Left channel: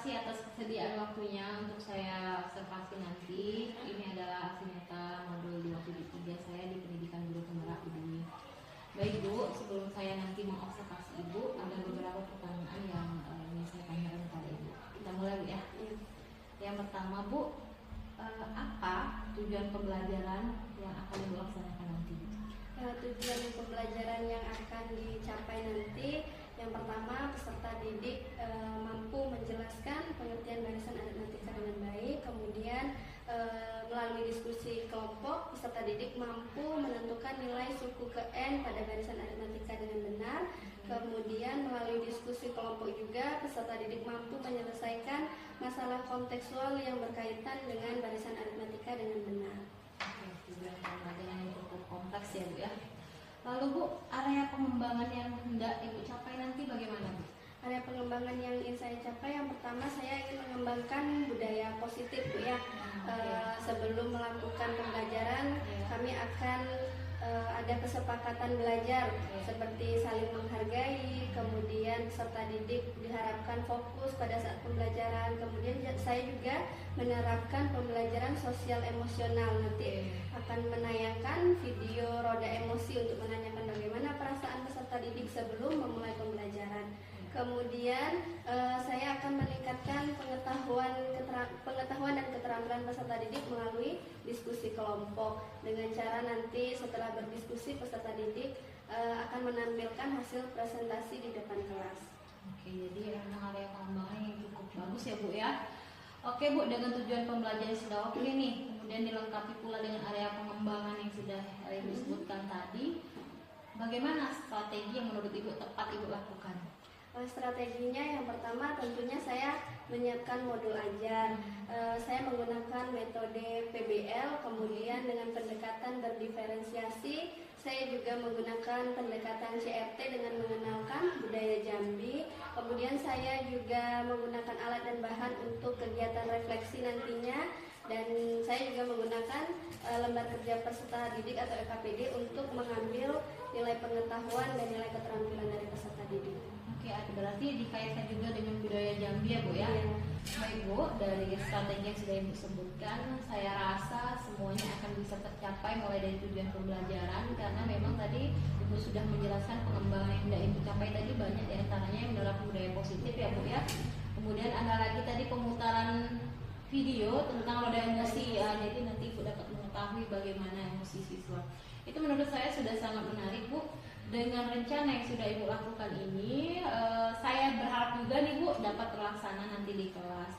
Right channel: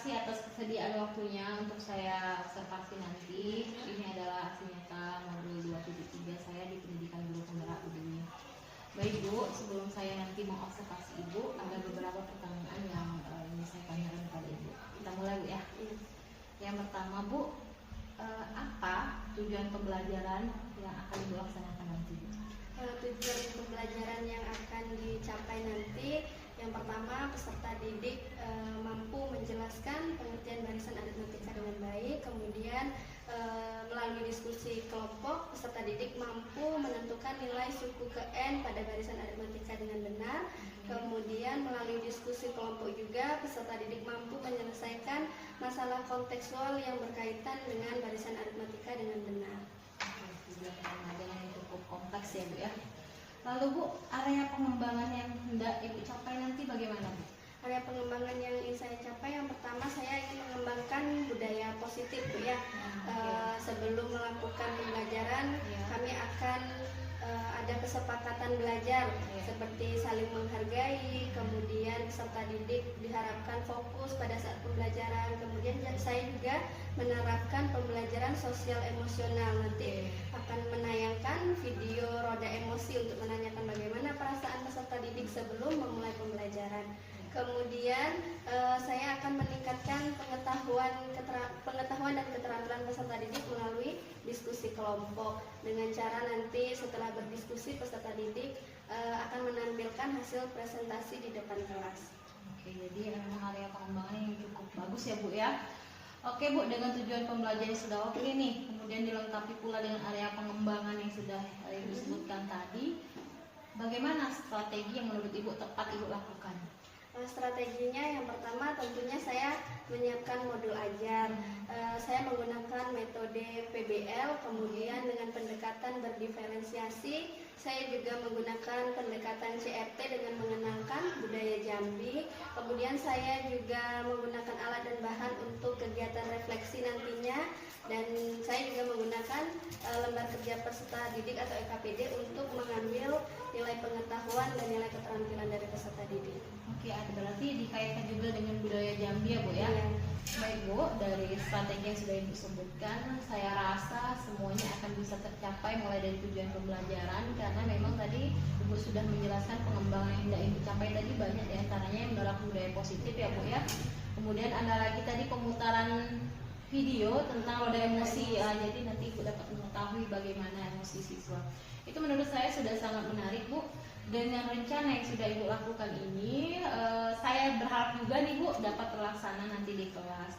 kasih atas kesediaan waktunya untuk saya observasi nanti. Ini adalah aksi nyata modul 273 saya di Pendidikan Guru Penggerak ini. Baik Bu, sebelum saya nanti mengobservasi Ibu, ada beberapa pertanyaan yang ingin saya tanyakan kepada Ibu. Kita mulai Bu ya. Yang pertama Bu, apa tujuan pembelajaran yang akan Ibu laksanakan nanti? Tujuan pembelajaran yang akan dicapai nanti, yang pertama peserta didik mampu menjelaskan pengertian barisan aritmatika dengan baik. Kemudian melalui diskusi kelompok, peserta didik mampu menentukan nilai suku ke N pada barisan aritmatika dengan benar. Kemudian melalui diskusi kelompok juga peserta didik mampu menyelesaikan masalah kontekstual yang berkaitan dengan barisan aritmatika dengan benar. Tujuan pembelajaran yang cukup kompleks ya Bu ya. Lalu Bu, area pengembangan yang hendak Ibu capai nanti bagaimana Bu? Area pengembangan yang ingin saya capai, yang pertama saya ingin mengembangkan budaya positif Bu ya. Sebelum melakukan pembelajaran, kami akan ada kesepakatan belajar seperti saling menghargai, kemudian peserta didik diharapkan fokus pada saat pembelajaran. Kemudian saya juga menerapkan pembelajaran sosial emosional, nanti akan menayangkan video roda emosi untuk menanyakan bagaimana perasaan peserta didik sebelum memulai pembelajaran. Kemudian saya akan meningkatkan pengetahuan dan keterampilan peserta didik melalui diskusi kelompok, dengan cara nanti setelah berdiskusi peserta didik akan menampilkan hasil presentasi di depan kelas. Oke, jadi memang area pengembangan yang cukup bagus ya Bu ya. Oke Bu, dengan tujuan pembelajaran sudah oke nih, kemudian dilengkapi pula dengan area pengembangan yang sudah Ibu sebutkan tadi. Bagaimana strategi yang menurut Ibu tepat Ibu lakukan? Strateginya yang pertama tentunya saya menyiapkan modul ajar. Saya menggunakan metode PBL, kemudian dengan pendekatan berdiferensiasi. Saya juga menggunakan pendekatan CRT dengan mengenalkan budaya Jambi. Kemudian saya juga menggunakan alat dan bahan untuk kegiatan refleksi nantinya. Dan saya juga menggunakan lembar kerja peserta didik atau LKPD untuk mengambil nilai pengetahuan dan nilai keterampilan dari peserta didik. Oke, berarti dikaitkan juga dengan budaya Jambi ya Bu ya. Baik Bu, dari strategi yang sudah Ibu sebutkan, saya rasa semuanya akan bisa tercapai mulai dari tujuan pembelajaran, karena memang tadi Ibu sudah menjelaskan pengembangan yang hendak Ibu capai tadi banyak diantaranya yang menerapkan budaya positif ya Bu ya. Kemudian ada lagi tadi pemutaran video tentang roda emosi ya, jadi nanti Ibu dapat mengetahui bagaimana emosi siswa. Itu menurut saya sudah sangat menarik Bu. Dengan rencana yang sudah Ibu lakukan ini, saya berharap juga nih Bu dapat terlaksana nanti di kelas.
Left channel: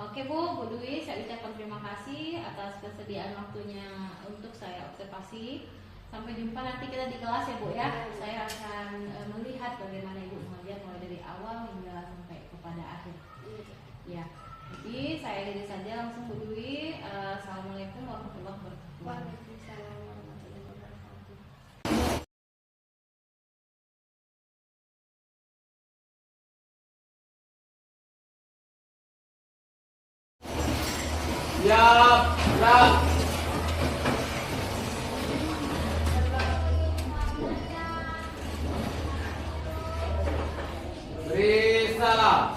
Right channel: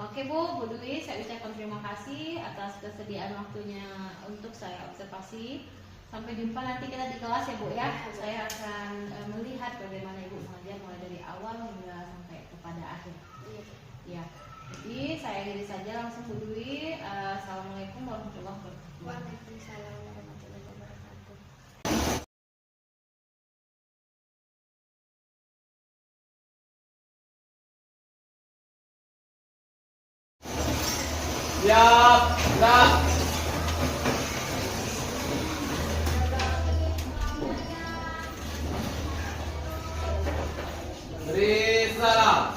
Oke Bu Dwi, saya ucapkan terima kasih atas kesediaan waktunya untuk saya observasi. Sampai jumpa nanti kita di kelas ya Bu ya. Saya akan melihat bagaimana Ibu mengajar mulai dari awal hingga sampai kepada akhir. Ya. Jadi saya akhiri saja langsung Bu Dwi. Assalamualaikum warahmatullahi wabarakatuh. Waalaikumsalam warahmatullahi wabarakatuh. Beri salam.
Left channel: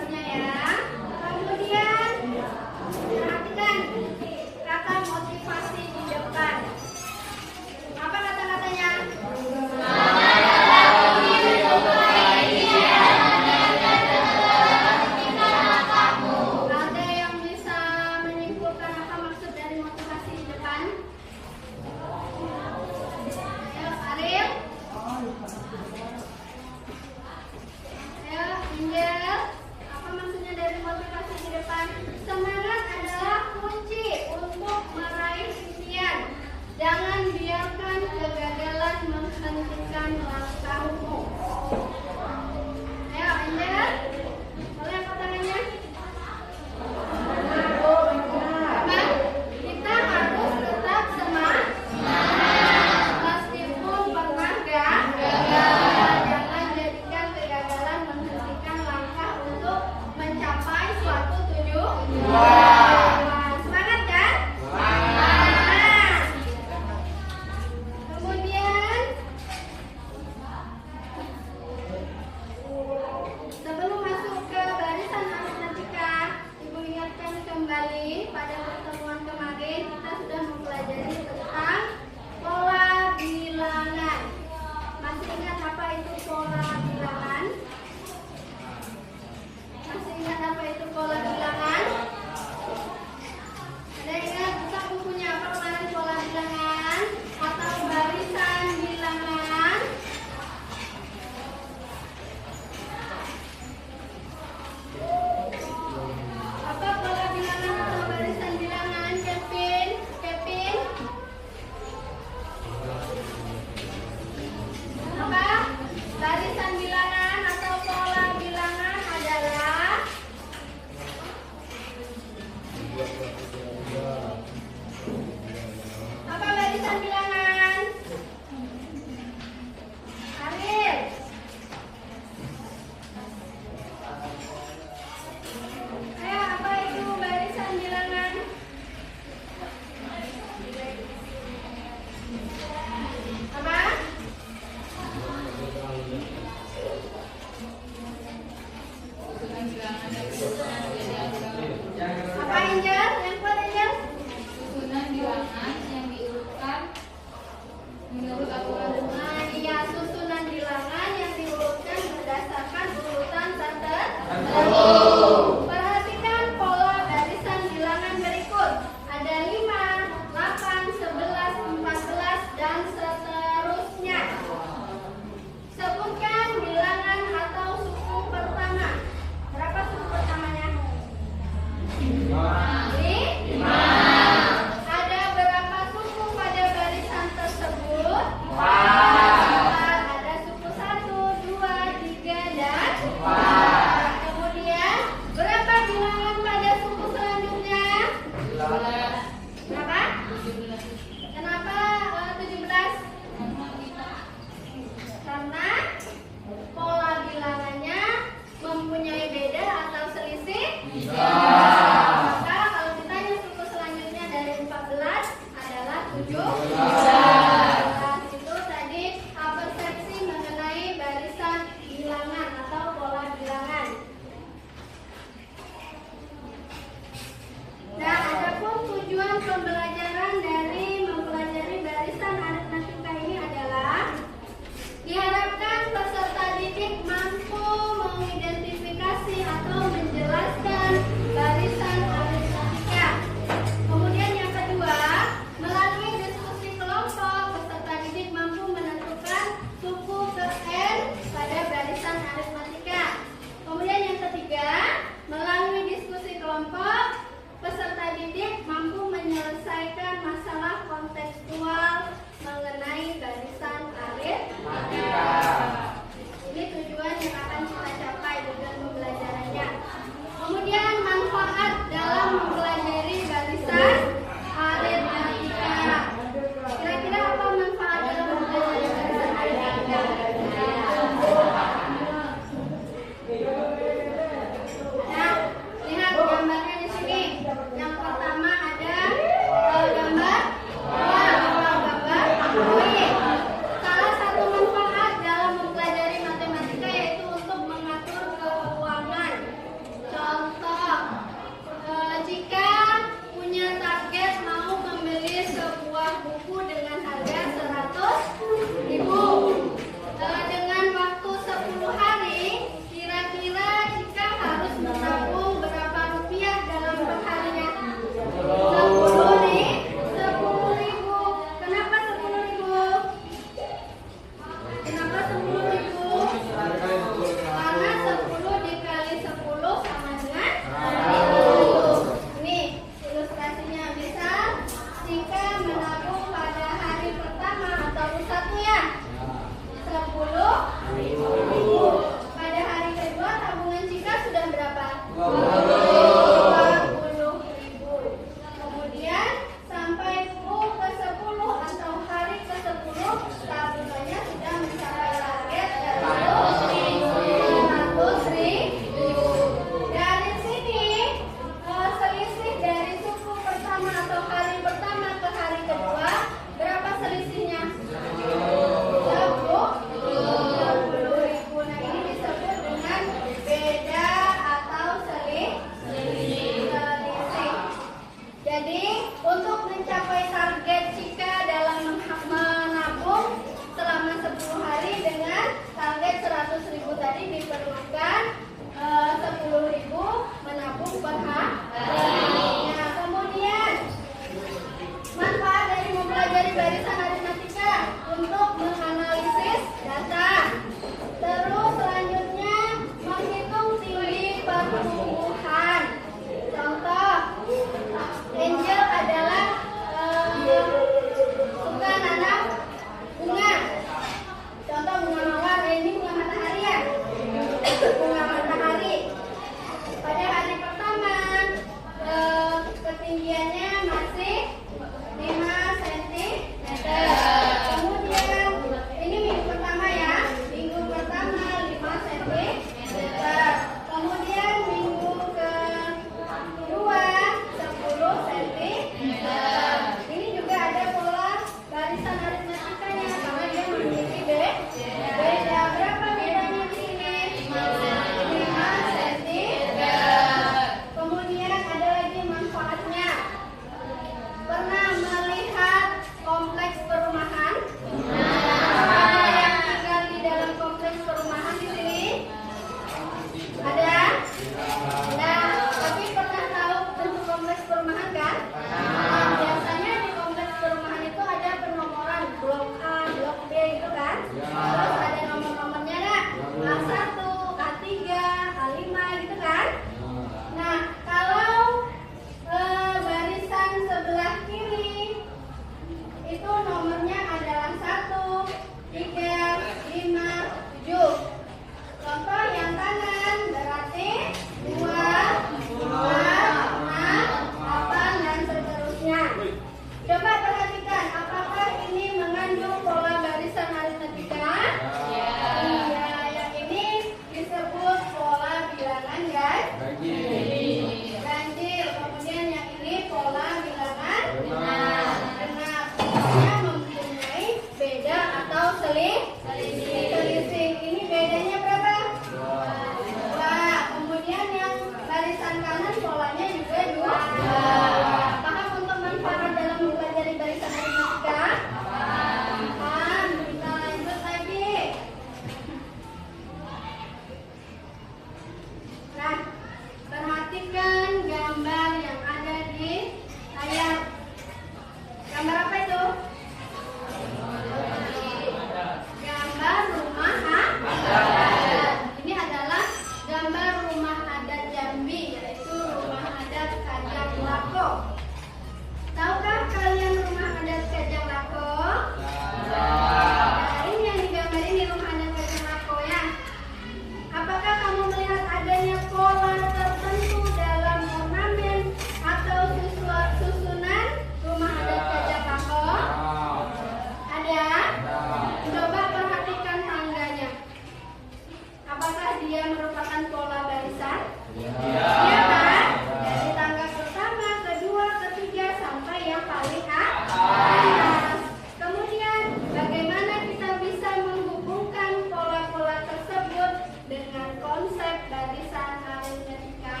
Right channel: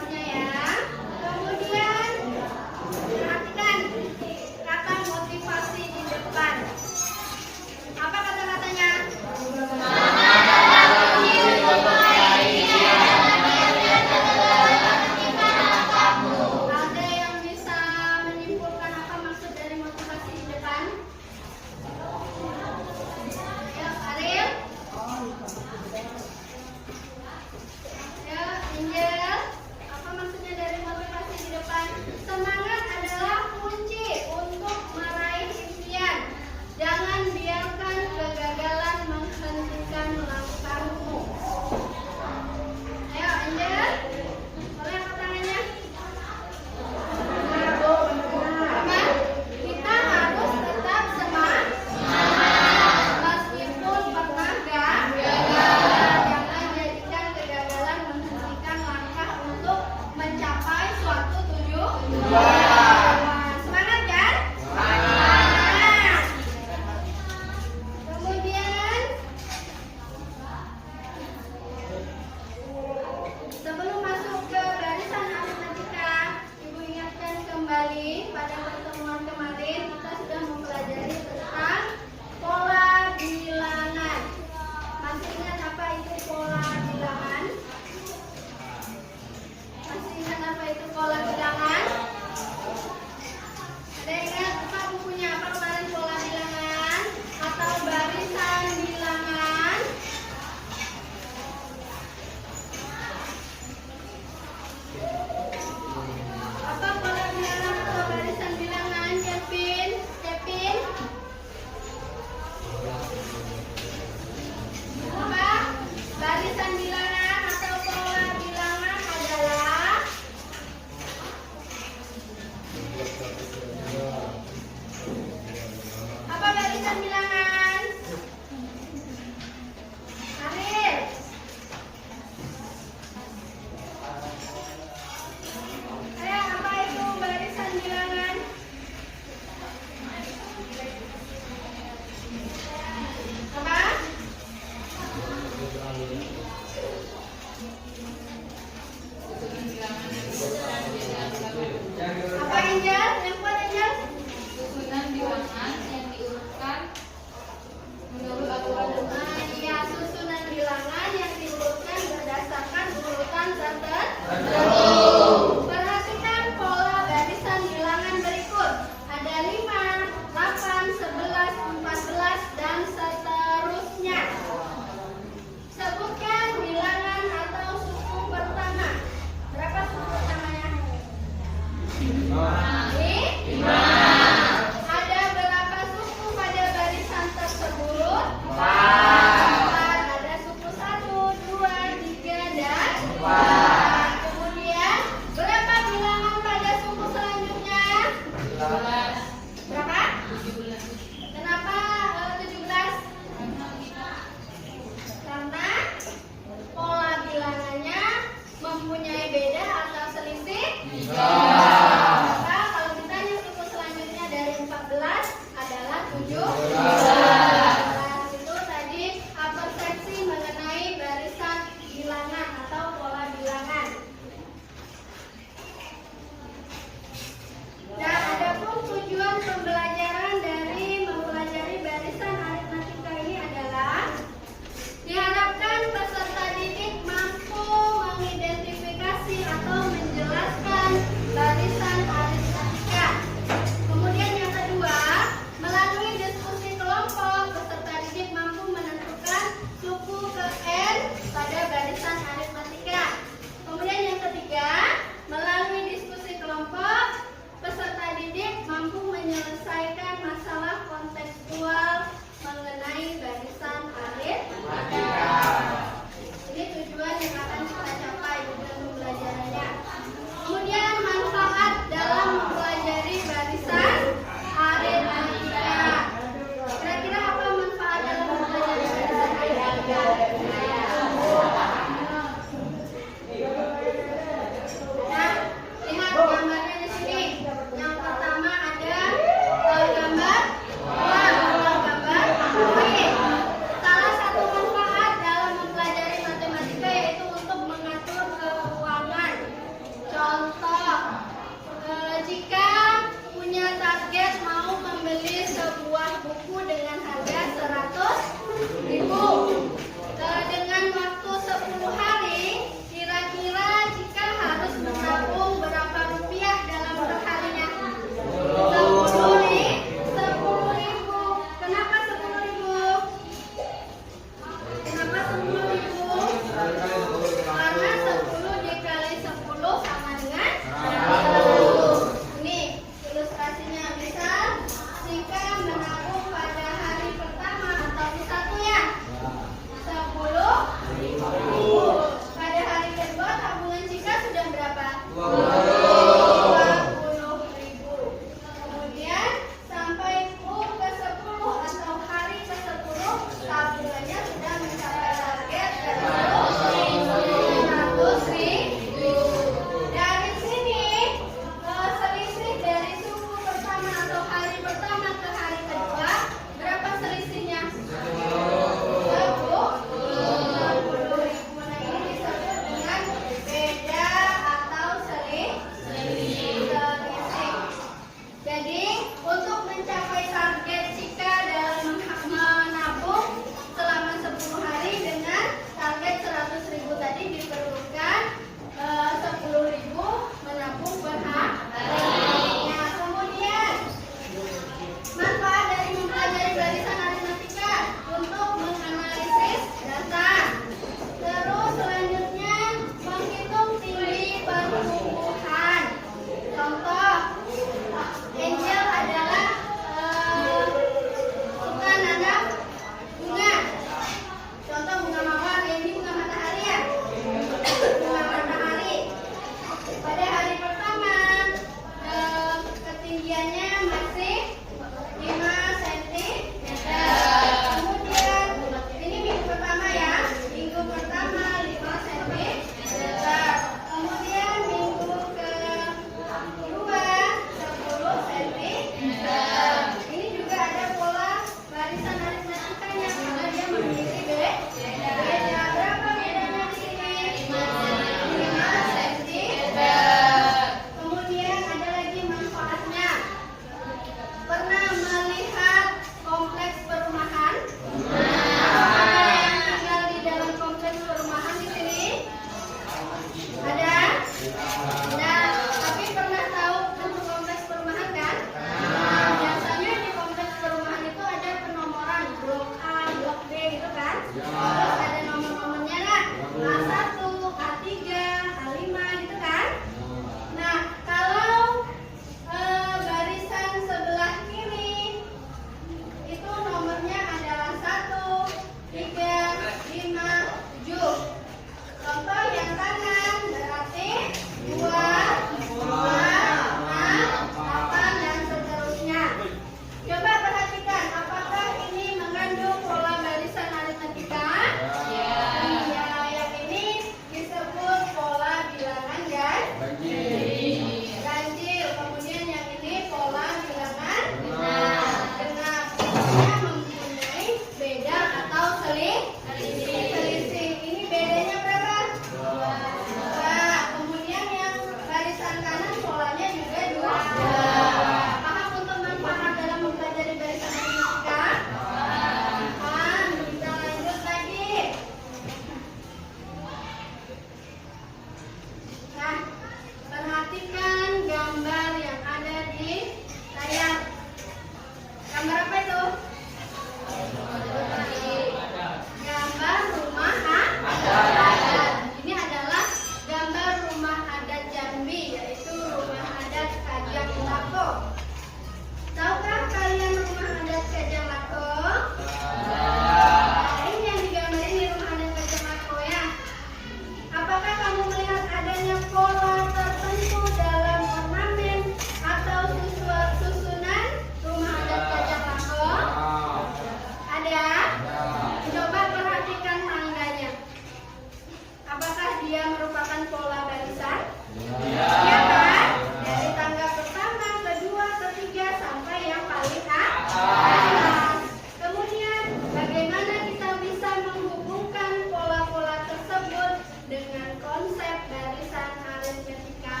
dia merupakan pola barisan? Iya kan? Dari tangga pertama, kedua, ketiga sampai yang paling atas. Kemudian bagaimana kita bisa menghubungkan pola-pola tersebut dengan konsep barisan aritmetika?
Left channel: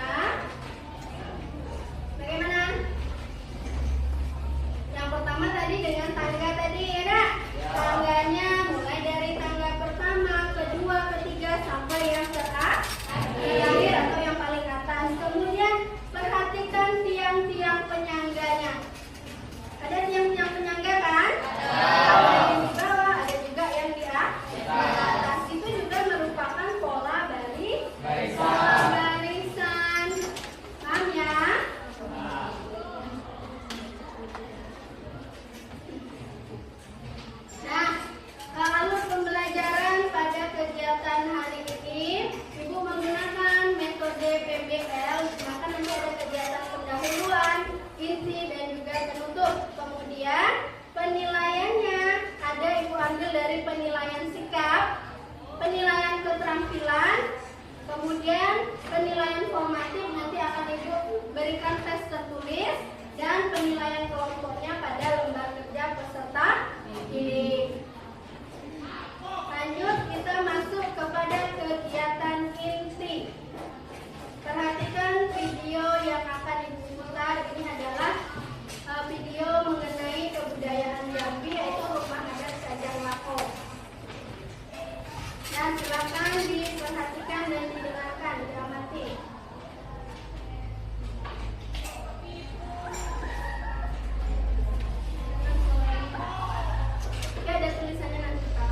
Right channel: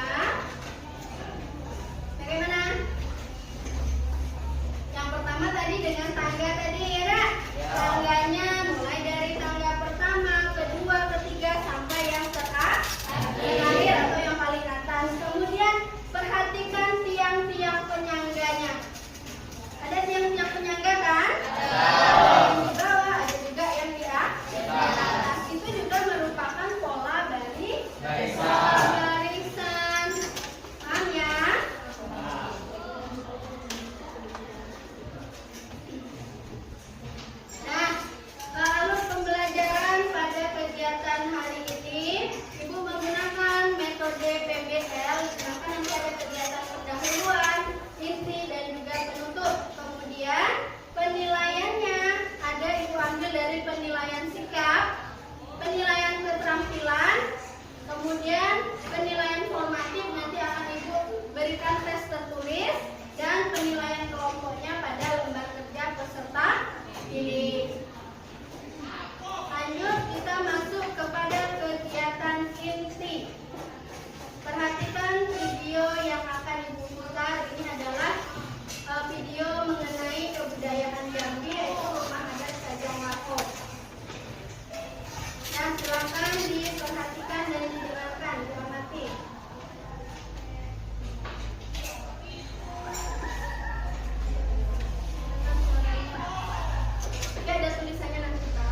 Bagaimana? Yang pertama tadi dengan tangga tadi ya nak? Tangganya mulai dari tangga pertama, kedua, ketiga sampai yang terakhir atau yang paling atas. Kemudian perhatikan tiang-tiang penyangganya. Ada tiang-tiang penyangga kan? Ada yang di bawah, ada juga yang di atas. Itu juga merupakan pola barisan. Paham ya? Nah, alur pembelajaran pada kegiatan hari ini, Ibu menggunakan metode PBL. Maka nanti ada kegiatan pendahuluan, inti, dan juga penutup. Kemudian penilaiannya ada Ibu ambil dari penilaian sikap, penilaian keterampilan, kemudian penilaian formatif nanti akan Ibu berikan tes tertulis, dan penilaian kelompoknya pada lembar kerja peserta didik. Lanjut, kita masuk kepada kegiatan inti. Perhatikan video yang akan Ibu putar. Ini adalah video mengenai kebudayaan Jambi, yaitu rumah adat Kajang Lako. Dan silakan diperhatikan dan didengarkan, diamati. Oke, ada tulisannya nanti kita.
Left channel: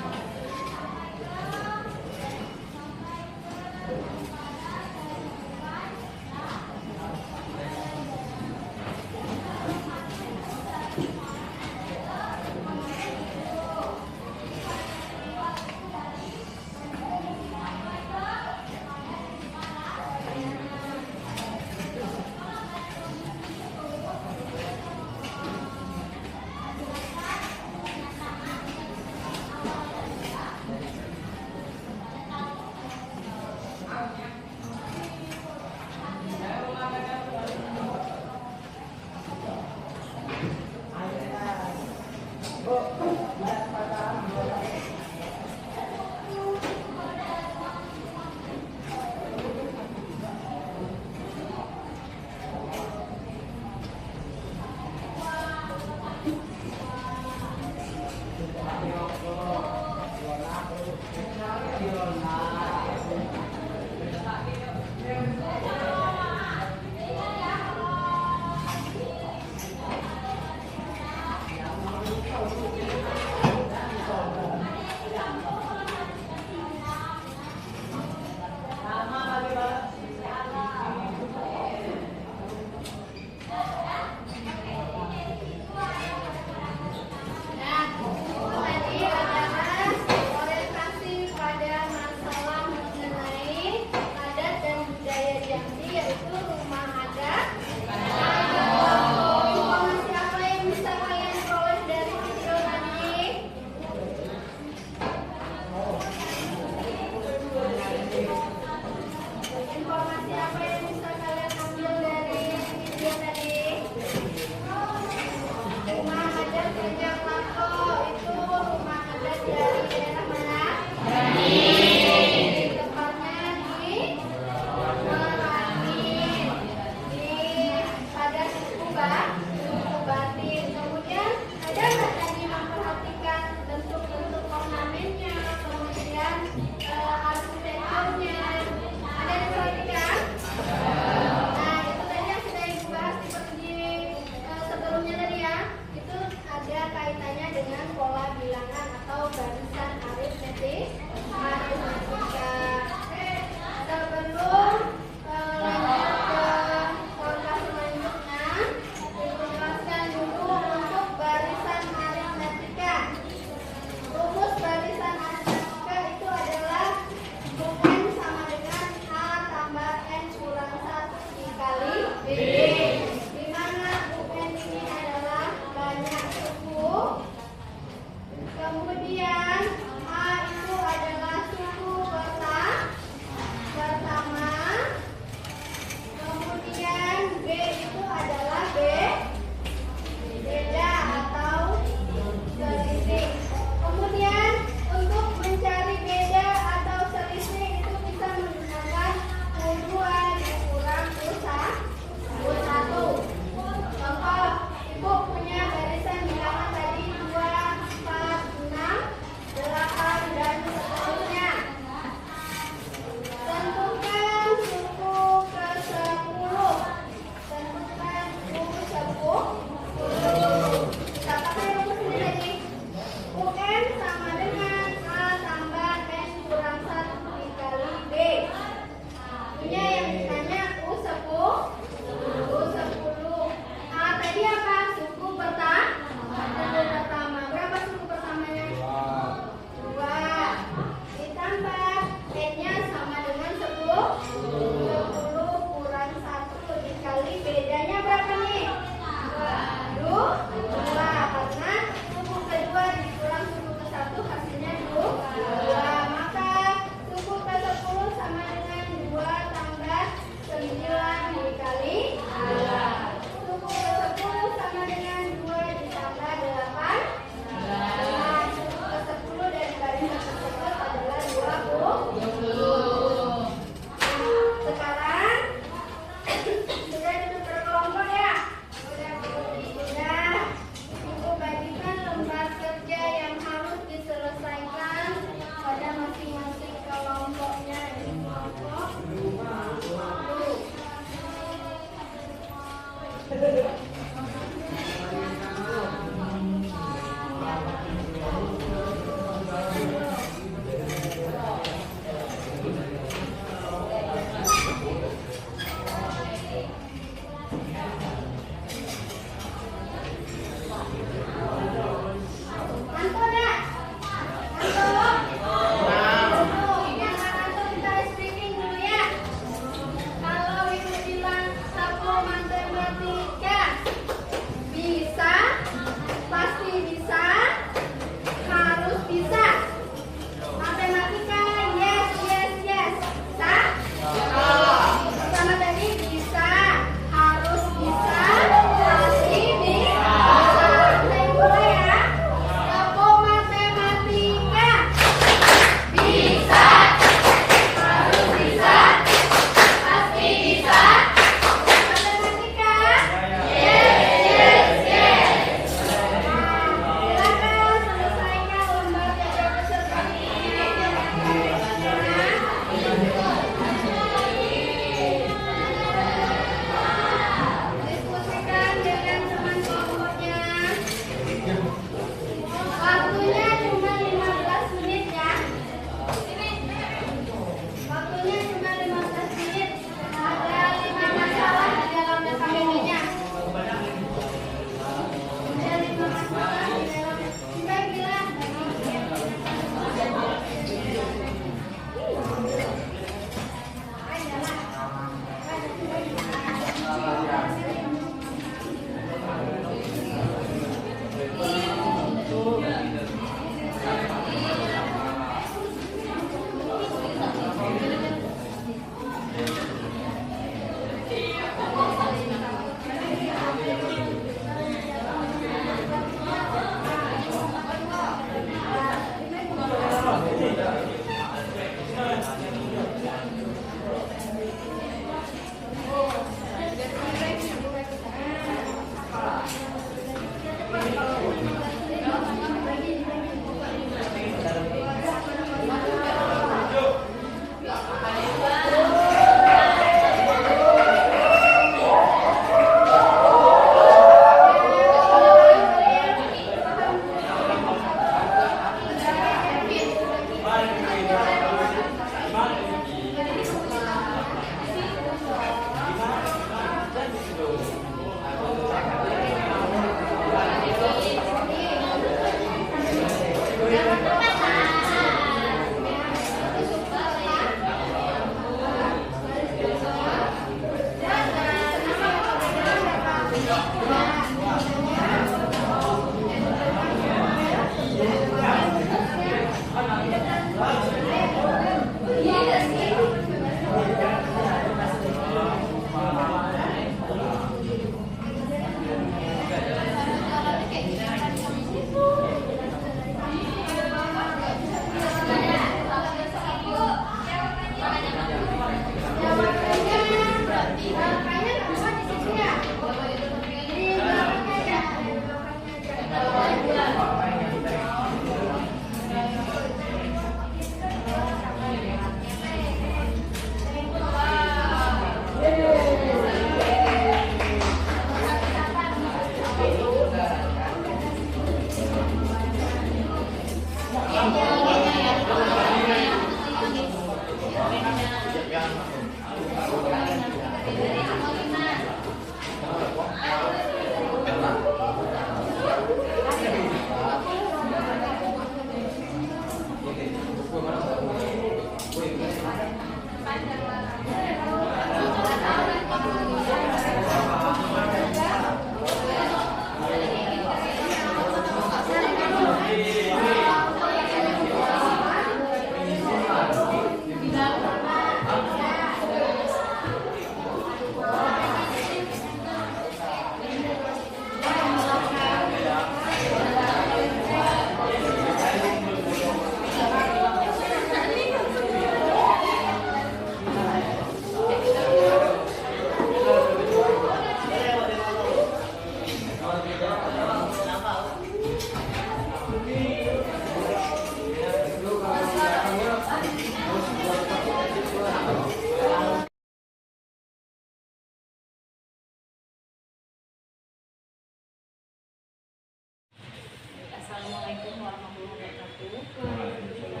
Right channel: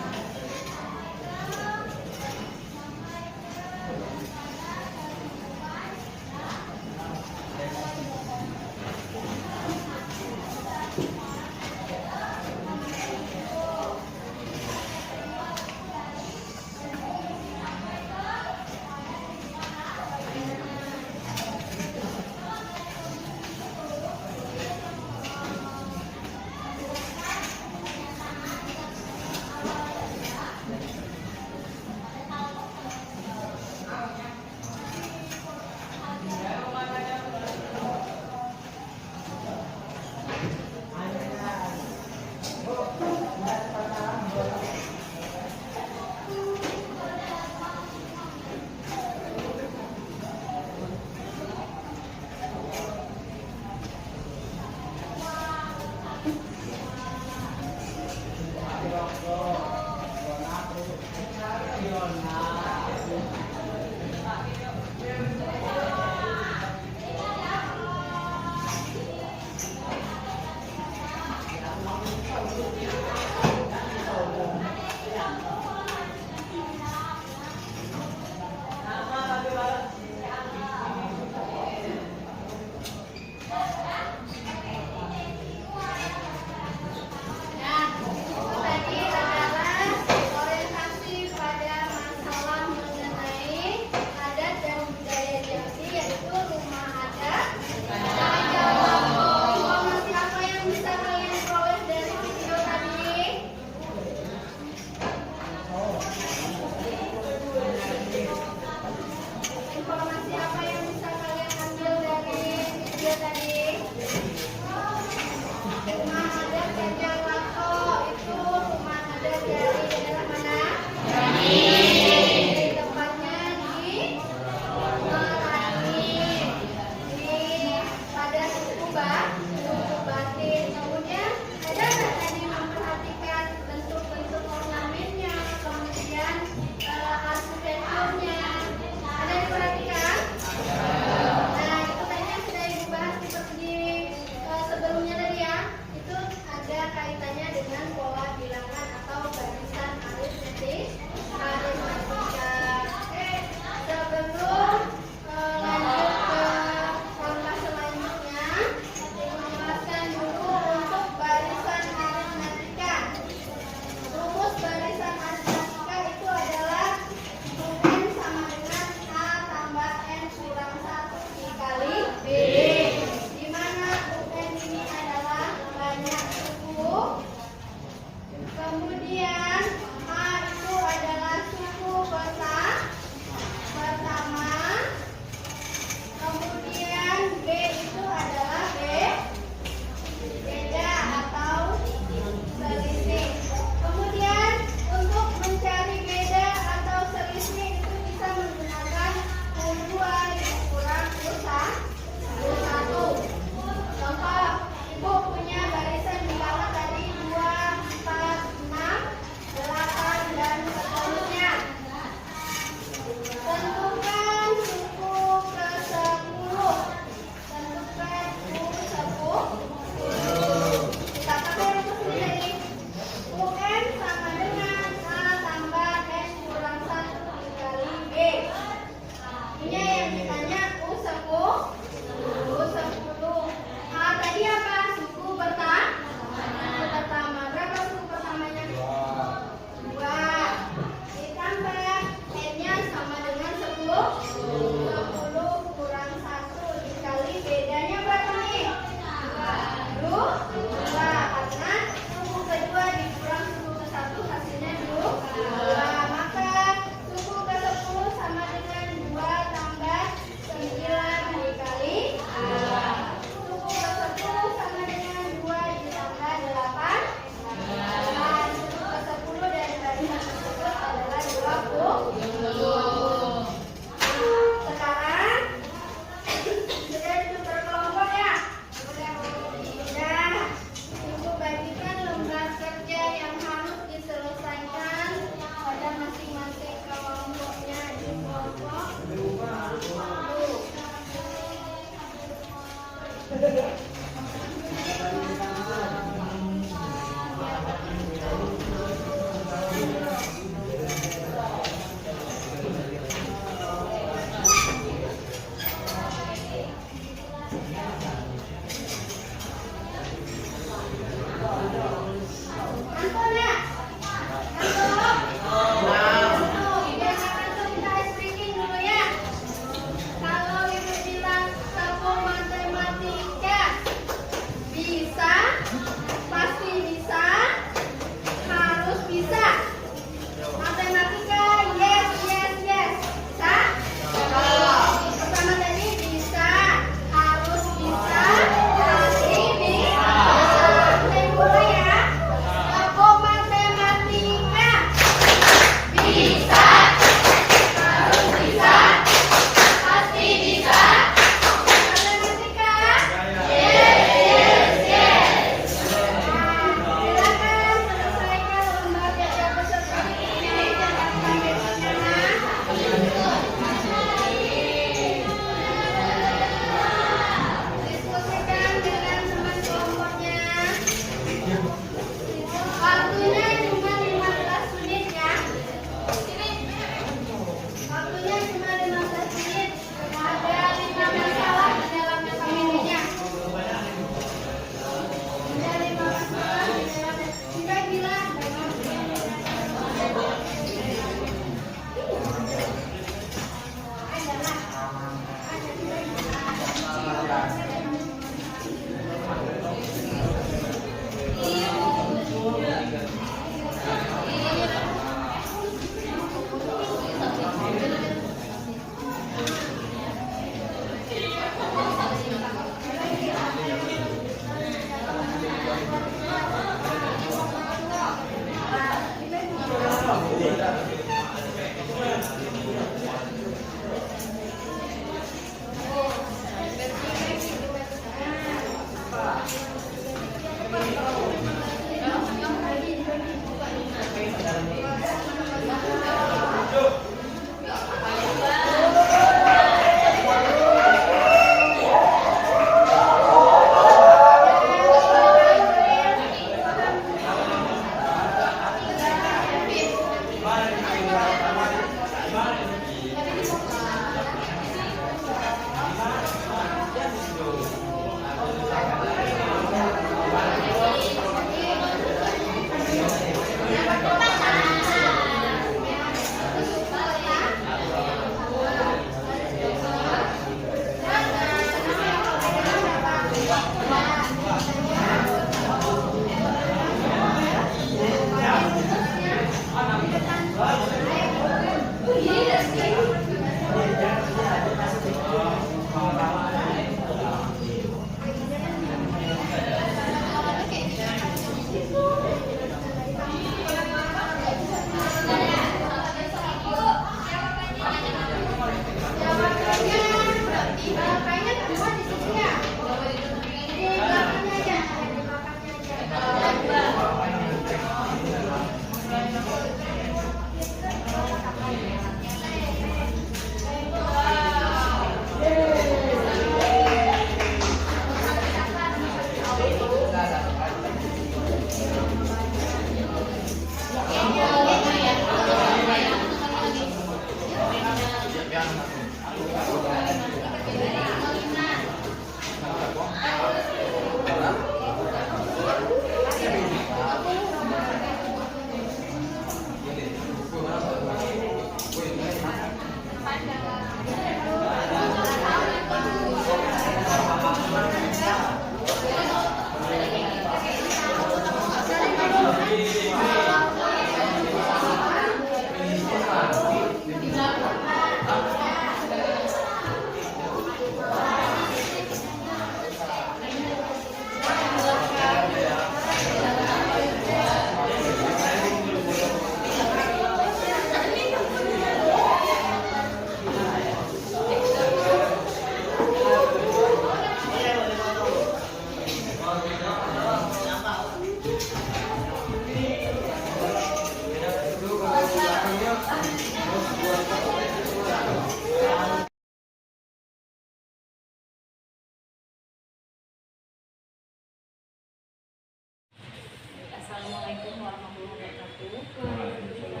Assalamualaikum warahmatullahi wabarakatuh. Terima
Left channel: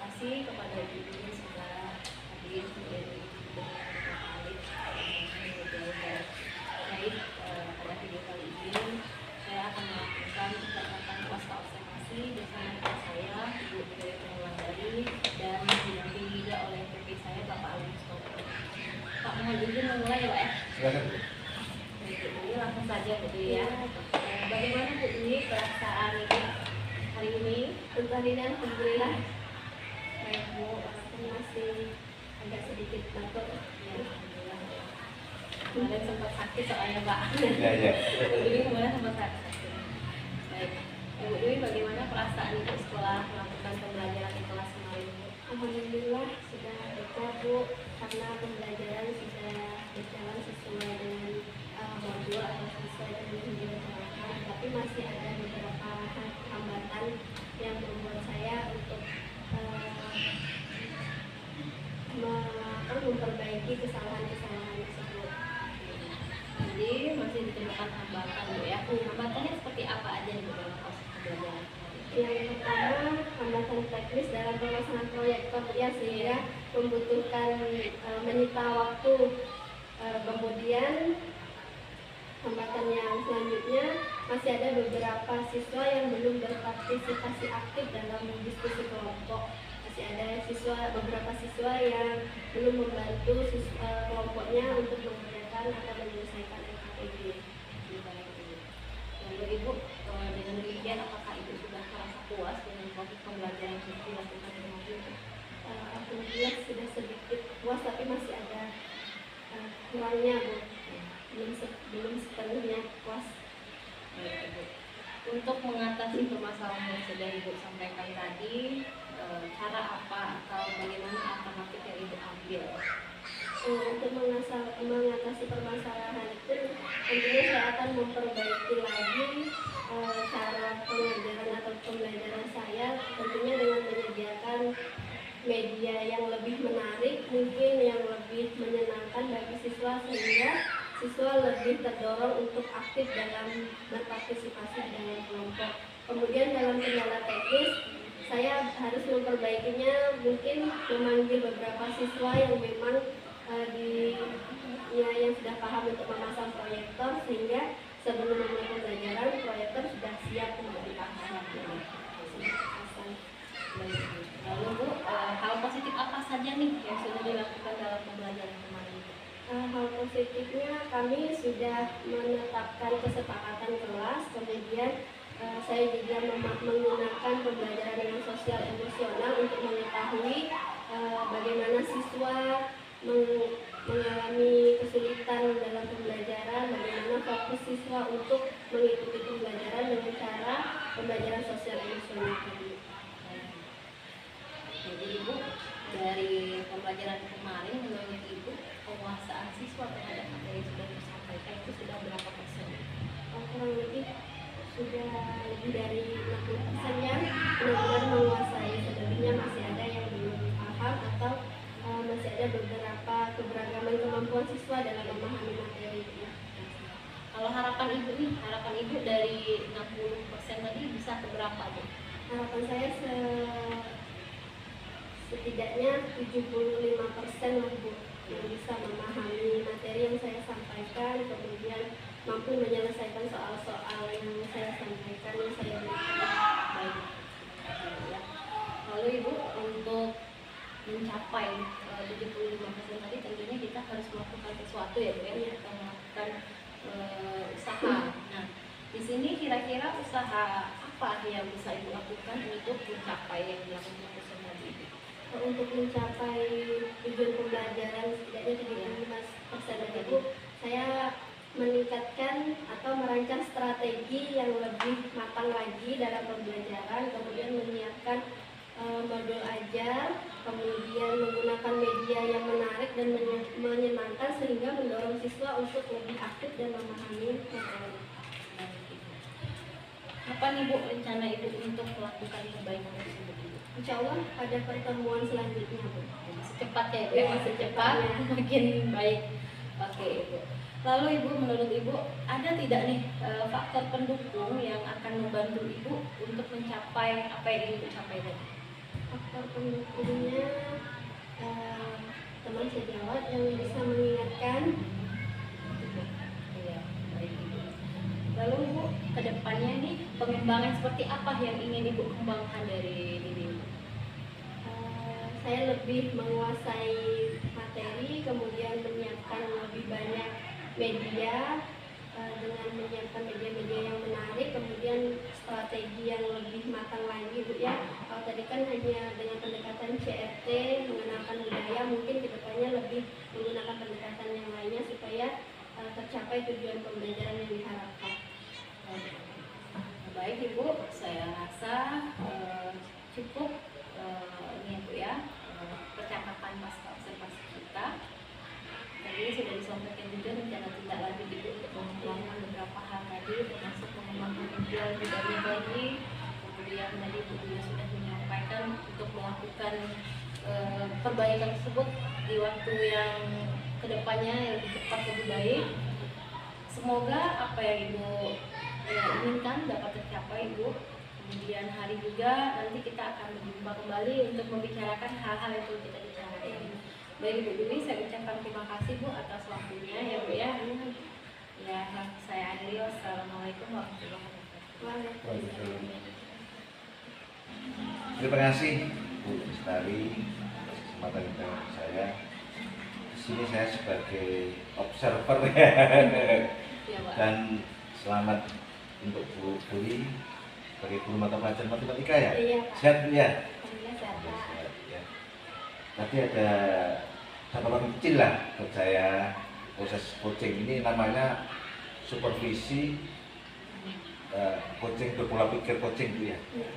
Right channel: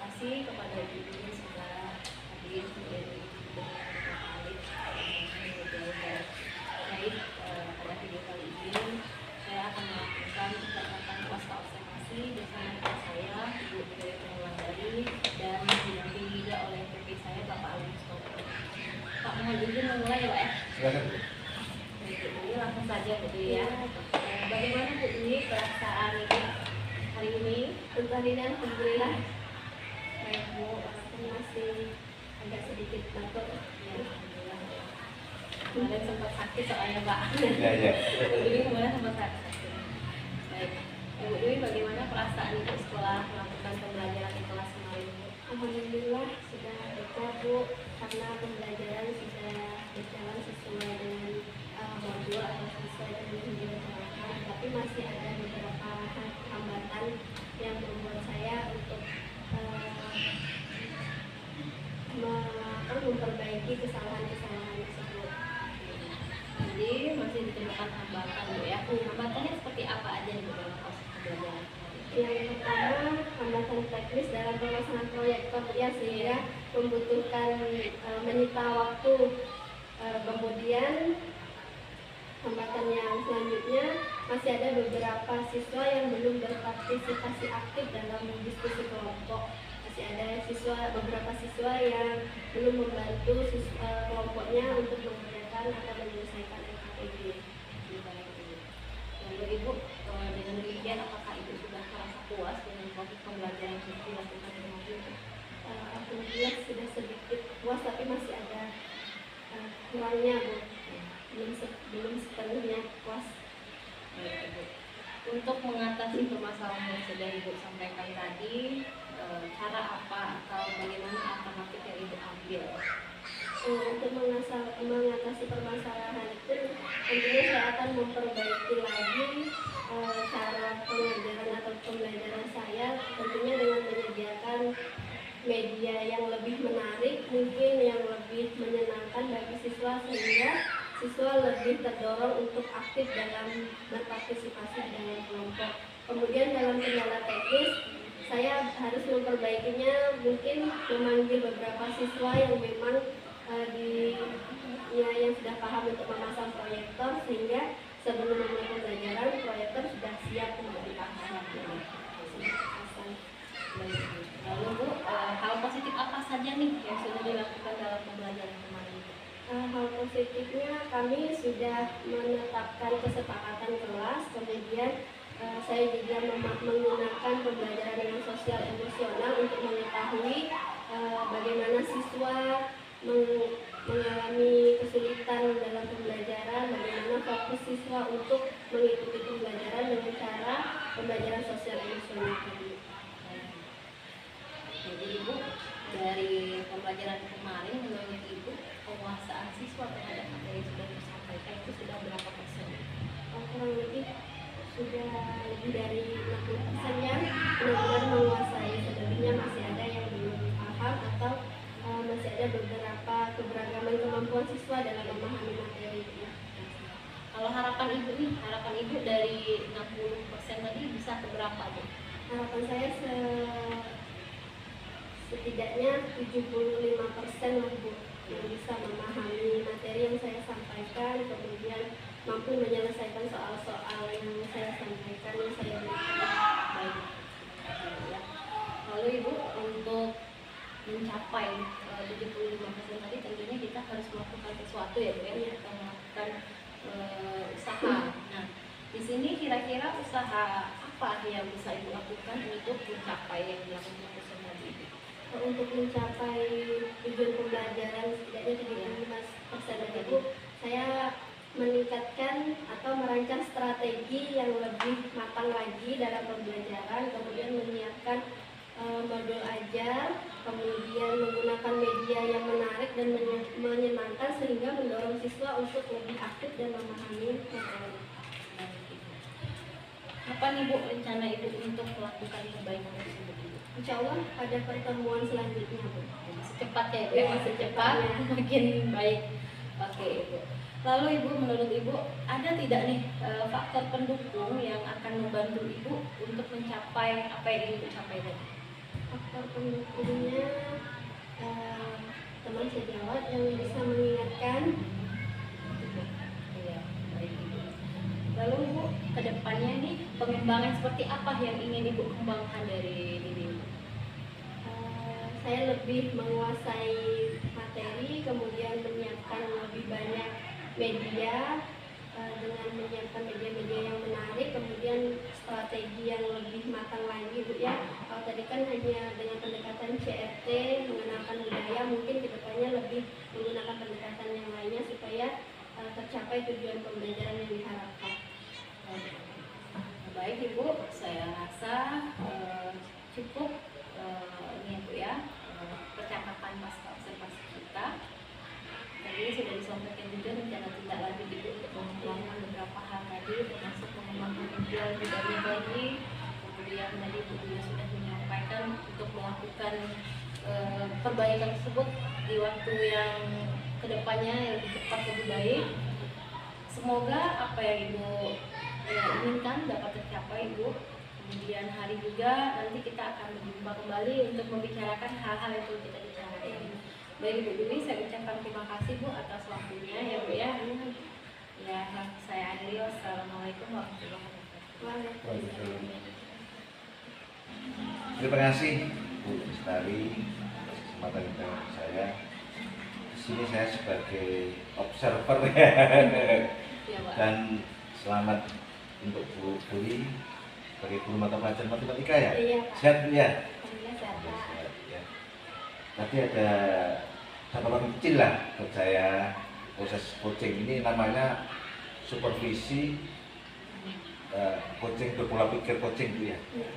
kasih kepada ibu yang sudah hadir menjadi baik. Pada video kali ini saya akan melakukan pendapatan pasca observasi bersama dengan saya, Ibu Budaya Pengelolaan dan didampingi juga oleh PP saya, Bapak Ali Mustofa. Pak, mohon izin memulai ya, Pak ya. Silakan. Baik, Bu Dwi, langsung saja Bu Dwi ya. Bagaimana Bu Dwi perasaan Ibu hari ini? Untuk hari ini alhamdulillah Baik Bu, walaupun masih agak sedikit batuk. ya alhamdulillah. Kemarin sempat sakit soalnya Pak. Ya, ya. Bu Dwi kemarin sempat sakit. Baik, Bu Dwi bagaimana perasaan Ibu setelah melakukan pembelajaran di kelas kemarin Bu? Alhamdulillah sudah lega Bu, karena pembelajaran sudah berjalan sesuai dengan modul atau sesuai dengan yang direncanakan, tapi masih ada beberapa hambatan yang membuat saya untuk memperbaiki kesalahan-kesalahan tersebut. Jadi masih ditemukan hambatan Bu ya. Hambatannya seperti apa aja nih Bu dalam proses pembelajaran kemarin? Yang pertama, hambatan teknis dalam pelaksanaan proyektor ya, sehingga membutuhkan menyita waktu. Kemudian hambatan yang selanjutnya, masih ada beberapa siswa yang belum berpartisipasi aktif dalam diskusi kelompok. Masih ada beberapa siswa yang belum membantu kelompoknya untuk mengerjakan atau menyelesaikan LKPD. Lalu Ibu, dengan demikian apakah Ibu sudah merasa puas dengan proses pembelajaran yang sudah dilakukan dengan Ibu? Alhamdulillah sudah sedikit puas, tapi masih ada kurangnya Bu. Belum sepenuhnya puas. Baik, Ibu. Untuk mengatasi permasalahan yang sudah Ibu sampaikan tadi, cara apa atau bagaimana alternatif yang Ibu ambil? Untuk mengatasi permasalahan itu, tentunya saya akan memperbaiki lagi cara pengajaran atau pembelajaran saya, tentunya dengan menyediakan media yang lebih menarik, mungkin yang lebih menyenangkan bagi siswa, sehingga siswa lebih terdorong untuk aktif dalam berpartisipasi dalam kelompok. Kemudian dalam kendala teknis, saya harus memperbaikinya, mungkin memanggil beberapa siswa yang memang yang sudah paham untuk memasang proyektor, sehingga sebelum memulai pembelajaran proyektor sudah siap untuk dipasang. Lalu Bu, hal positif apa saja nih yang sudah dilakukan dalam pembelajaran kemarin? Hal positifnya, kami sudah menetapkan kesepakatan kelas, kemudian saya juga menggunakan pembelajaran dengan sosial emosional untuk mengetahui bagaimana siswa mengalami kesulitan dalam pembelajaran, bagaimana fokus siswa untuk mengikuti pembelajaran dengan cara pembelajaran sosial emosional tadi. Jadi Ibu, dari pembelajaran kemarin menurut Ibu, penguasaan siswa terhadap materi yang sudah disampaikan itu sudah berapa persen? Kurang lebih sudah lebih dari 60% yang benar-benar menguasai. Sebenarnya masih ada yang belum paham atau masih ada beberapa keberagaman kemampuan siswa dalam memahami materi. Kalau harapan Ibu nih, harapan Ibu dari 60% tadi bisa ke berapa Bu? Harapan saya setidaknya 75% lah Bu, yang bisa memahami materi yang saya sampaikan, kemudian mampu menyelesaikan soal-soal yang saya sampaikan, yang saya berikan. Baik. Ya. Lalu Ibu, untuk mencapai 75% tadi tentunya kita harus melakukan sesuatu ya Bu ya, kita melakukan usaha. Nah, di sini kira-kira usaha apa yang bisa Ibu lakukan untuk mencapai yang dilakukan dosen tadi Ibu? Untuk mencapai tujuan pembelajaran setidaknya 75% dari Ibu, saya meningkatkan atau merancang strategi yang lebih matang lagi dalam pembelajaran, kemudian menyiapkan modul ajar, kemudian menggunakan media yang menarik dan menyenangkan sehingga mendorong siswa untuk lebih aktif dan memahami materi. Apa nih Bu rencana Ibu untuk melakukan perbaikan tersebut Ibu? Insya Allah pada pertemuan selanjutnya Bu. Secepatnya Ibu, Ya, secepatnya makin baik. Oke Ibu. Lalu Ibu, menurut Ibu ada tidak nih faktor pendukung yang akan membantu Ibu untuk mencapai apa yang ingin Ibu capai tadi? Faktor pendukungnya teman sejawat yang bisa mengingatkan. Iya, baik Ibu. Lalu Ibu, kedepannya nih pengembangan seperti apa yang ingin Ibu kembangkan dari diri Ibu? Saya lebih menguasai materi, kemudian menyiapkan lebih banyak media dengan menyiapkan media-media yang menarik, kemudian strategi yang lebih matang lagi Bu ya. Kalau tadi kan hanya dengan pendekatan CRT mengenalkan budaya, mungkin kedepannya lebih menggunakan pendekatan yang lainnya supaya tercapai tujuan pembelajaran yang diharapkan. Baik Ibu, saya rasa cukup ini Bu ya, percakapan pasca observasi kita. Tadi sudah disampaikan juga rencana tindak lanjut Ibu untuk melakukan beberapa hal tadi, termasuk mengembangkan media budaya lagi. Kemudian tadi Ibu juga sudah menyampaikan untuk melakukan perbaikan tersebut di waktu yang kedepannya yang lebih cepat lebih baik. Semoga apa yang Ibu inginkan dapat tercapai Ibu. Kemudian hari juga nanti kita akan berjumpa kembali untuk membicarakan hal-hal yang perlu kita bicarakan. Baik Ibu Dwi, saya ucapkan terima kasih Bu atas waktunya ya Bu ya. Ya, saya akhiri. Wassalamualaikum warahmatullahi wabarakatuh. Terima kasih Bu Lestari atas kesempatan yang saya. Di sini saya sebagai observer ya. Ya, Pak. Dan selamat untuk Bu Dwi sebagai guru mata pelajaran matematika ya. Iya Pak. Sehat Bu ya. Alhamdulillah sehat Pak. Sehat, ya. Tadi ada catatan kecil lah buat saya. Proses coaching ini namanya supervisi coaching berpola pikir coaching Bu ya. Iya.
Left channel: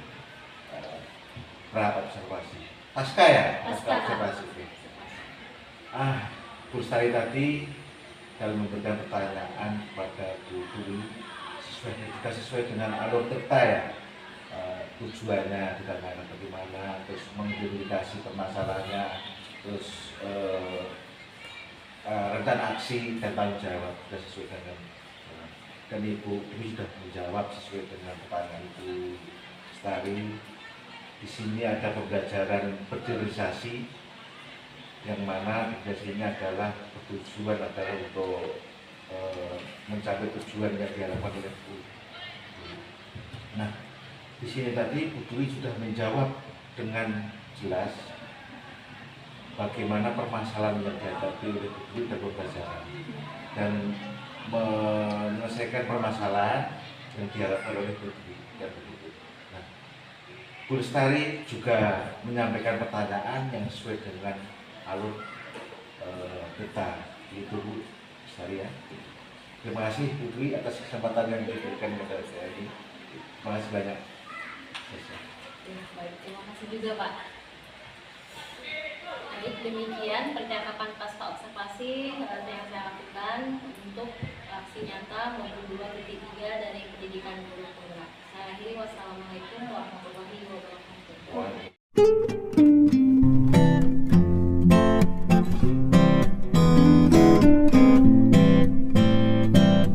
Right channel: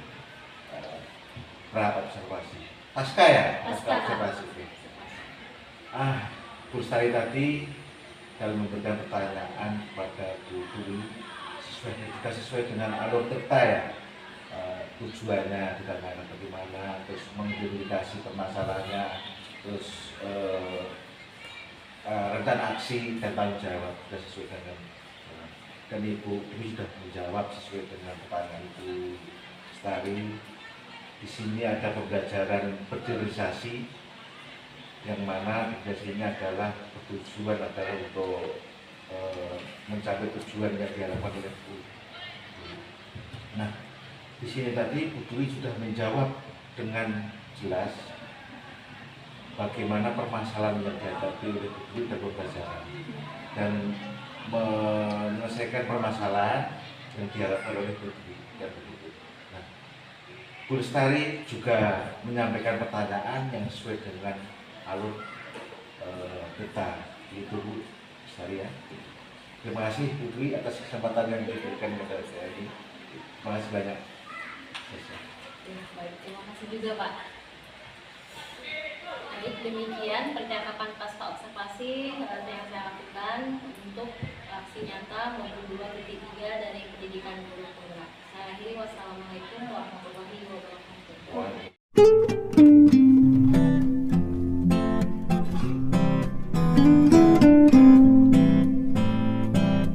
Pra observasi. Pasca ya? Pasca. Observasi. Bu Lestari tadi dalam memberikan pertanyaan kepada Bu Dwi sesuai dengan alur cerita ya, tujuannya ditanyakan bagaimana, terus mengidentifikasi permasalahannya, terus rencana aksi dan tanggung jawab sudah sesuai dengan dan Ibu Dwi sudah menjawab sesuai dengan pertanyaan Ibu Lestari. Di sini ada pembelajaran bergeneralisasi yang mana ini adalah bertujuan adalah untuk mencapai tujuan yang diharapkan oleh Bu. Nah, di sini tadi Bu Dwi sudah menjawab dengan jelas bagaimana permasalahan yang dihadapi oleh Bu Dwi dalam pembelajaran dan menyelesaikan permasalahan yang diharapkan oleh Bu Dwi dan begitu. Nah, Bu Lestari juga menyampaikan pertanyaan yang sesuai dengan alur kita, itu Bu Lestari ya. Terima kasih Bu Dwi atas kesempatan yang diberikan kepada saya ini. Terima kasih banyak. Baik, terima kasih juga Pak. Baik, demikian percakapan pasca observasi yang saya lakukan untuk aksi nyata maupun